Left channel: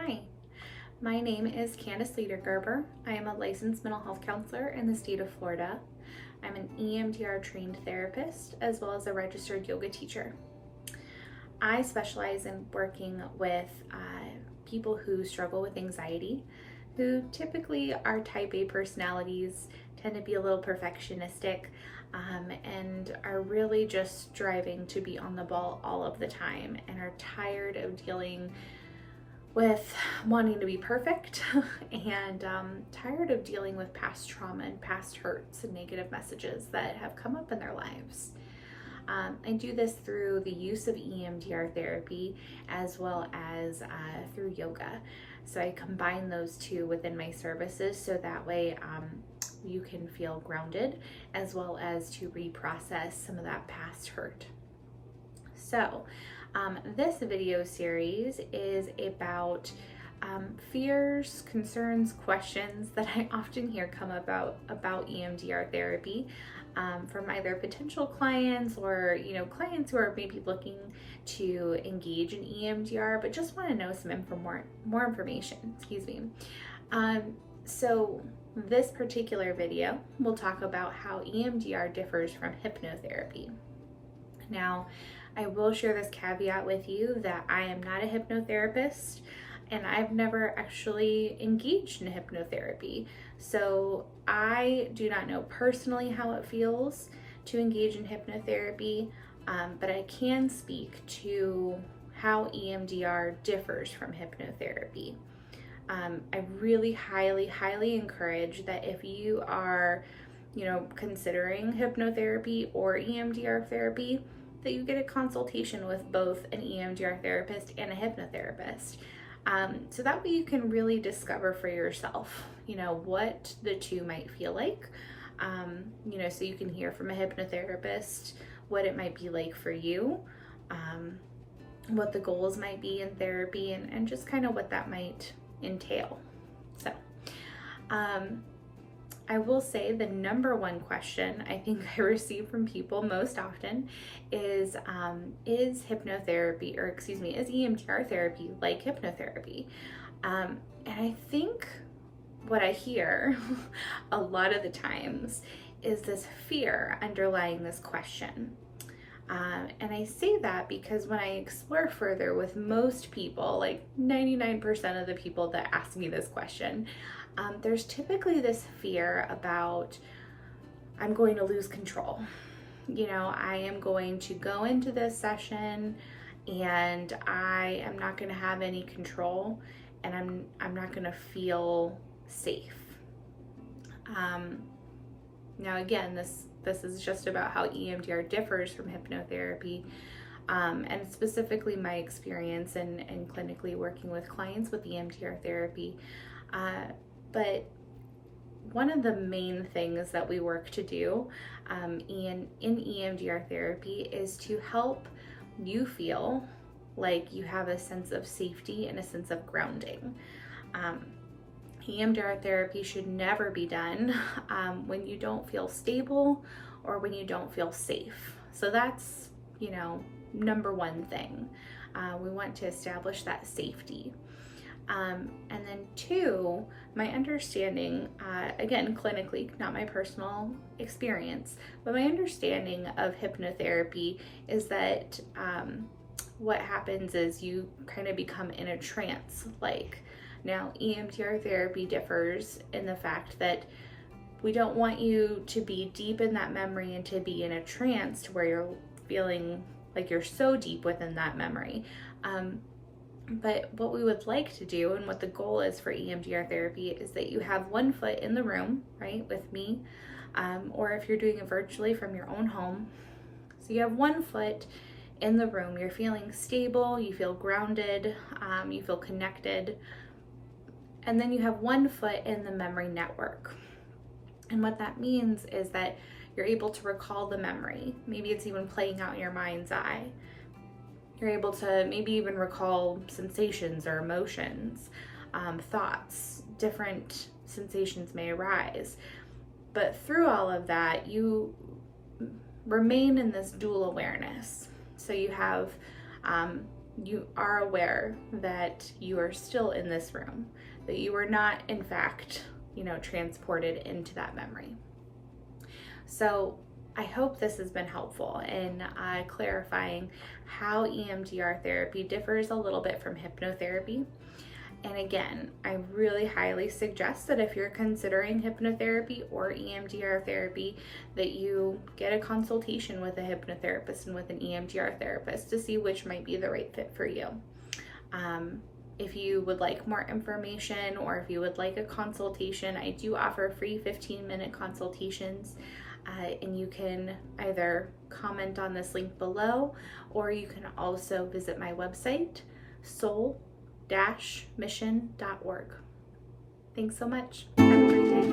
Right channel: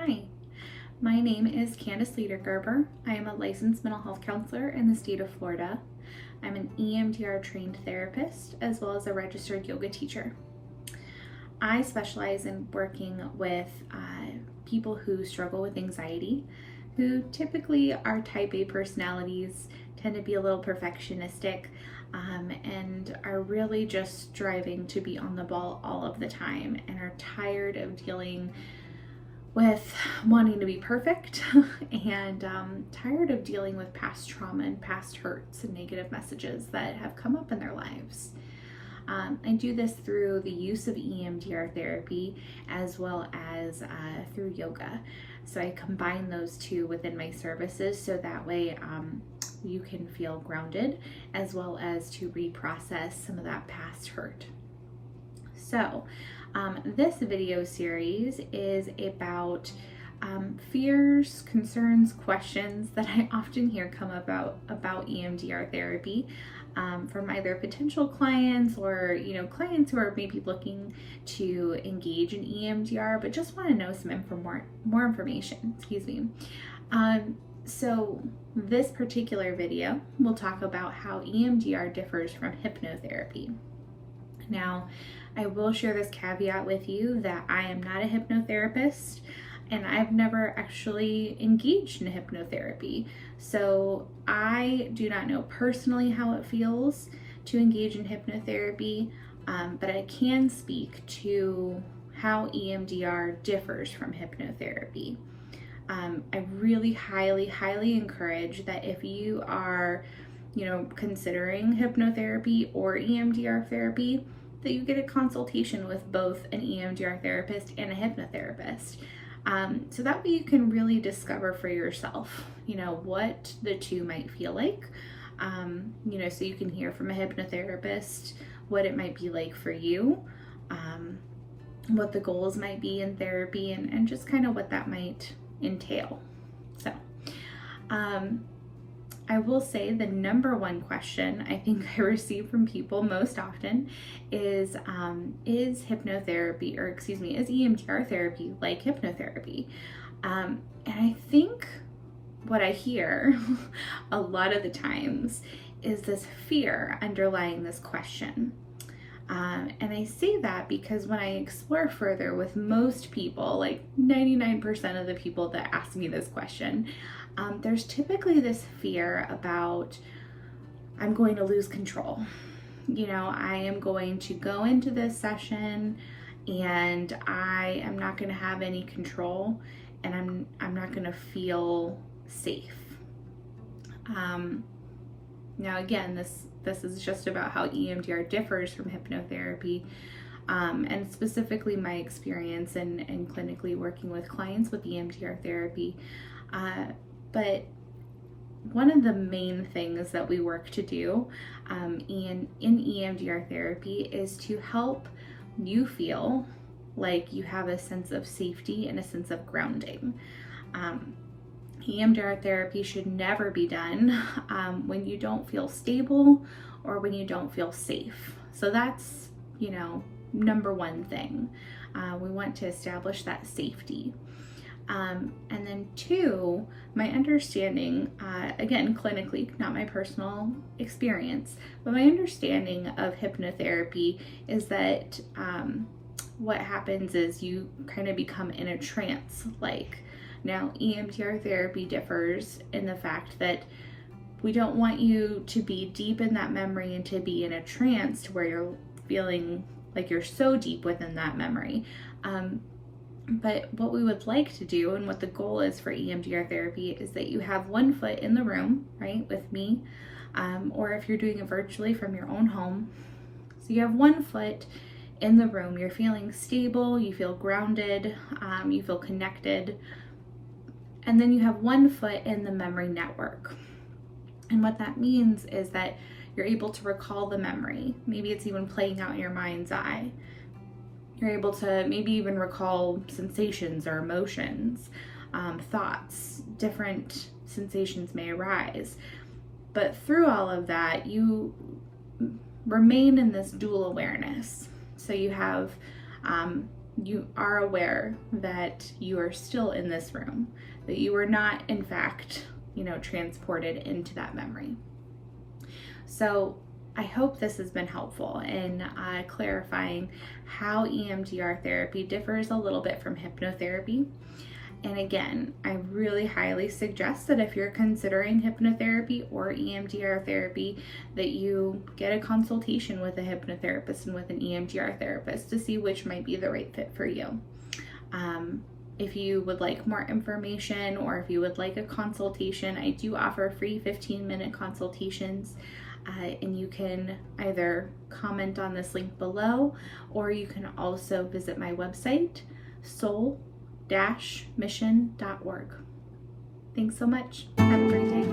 Hi, my name is Candace Ledergerber. I am a licensed mental health counselor in the state of Florida. I'm an EMDR trained therapist as well as a registered yoga teacher. I specialize in working with people who struggle with anxiety, who typically are type A personalities, tend to be a little perfectionistic, and are really just striving to be on the ball all of the time and are tired of dealing with wanting to be perfect and tired of dealing with past trauma and past hurts and negative messages that have come up in their lives. I do this through the use of EMDR therapy as well as through yoga. So I combine those two within my services so that way you can feel grounded as well as to reprocess some of that past hurt. So this video series is about fears, concerns, questions that I often hear come about EMDR therapy from either potential clients or clients who are maybe looking to engage in EMDR but just want to know some more information. So this particular video will talk about how EMDR differs from hypnotherapy. Now, I will share this caveat with you that I am not a hypnotherapist and I've never actually engaged in hypnotherapy. So I do not know personally how it feels to engage in hypnotherapy, but I can speak to how EMDR differs from hypnotherapy. I really highly encourage that if you are, considering hypnotherapy or EMDR therapy, that you get a consultation with both an EMDR therapist and a hypnotherapist. So that way you can really discover for yourself, what the two might feel like, so you can hear from a hypnotherapist what it might be like for you, what the goals might be in therapy, and just kind of what that might entail. So, I will say the number one question I think I receive from people most often is hypnotherapy, is EMDR therapy like hypnotherapy? And I think what I hear a lot of the times is this fear underlying this question. And I say that because when I explore further with most people, like 99% of the people that ask me this question, there's typically this fear about, I'm going to lose control. I am going to go into this session and I am not going to have any control and I'm not going to feel safe. Now again, this is just about how EMDR differs from hypnotherapy, and specifically my experience in clinically working with clients with EMDR therapy. But one of the main things that we work to do in EMDR therapy is to help you feel like you have a sense of safety and a sense of grounding. EMDR therapy should never be done when you don't feel stable or when you don't feel safe. So that's, number one thing. We want to establish that safety. And then two, my understanding, again, clinically, not my personal experience, but my understanding of hypnotherapy is that what happens is you kind of become in a trance. Now, EMDR therapy differs in the fact that we don't want you to be deep in that memory and to be in a trance to where you're feeling like you're so deep within that memory. But what we would like to do and what the goal is for EMDR therapy is that you have one foot in the room, right, with me, or if you're doing it virtually from your own home. So you have one foot in the room, you're feeling stable, you feel grounded, you feel connected, and then you have one foot in the memory network. And what that means is that you're able to recall the memory. Maybe it's even playing out in your mind's eye. You're able to maybe even recall sensations or emotions, thoughts, different sensations may arise. But through all of that, you remain in this dual awareness. So you have you are aware that you are still in this room, that you were not, in fact, transported into that memory. So I hope this has been helpful in clarifying how EMDR therapy differs a little bit from hypnotherapy. And again, I really highly suggest that if you're considering hypnotherapy or EMDR therapy, that you get a consultation with a hypnotherapist and with an EMDR therapist to see which might be the right fit for you. If you would like more information or if you would like a consultation, I do offer free 15-minute consultations. And you can either comment on this link below, or you can also visit my website, soul-mission.org. Thanks so much. Have a great day.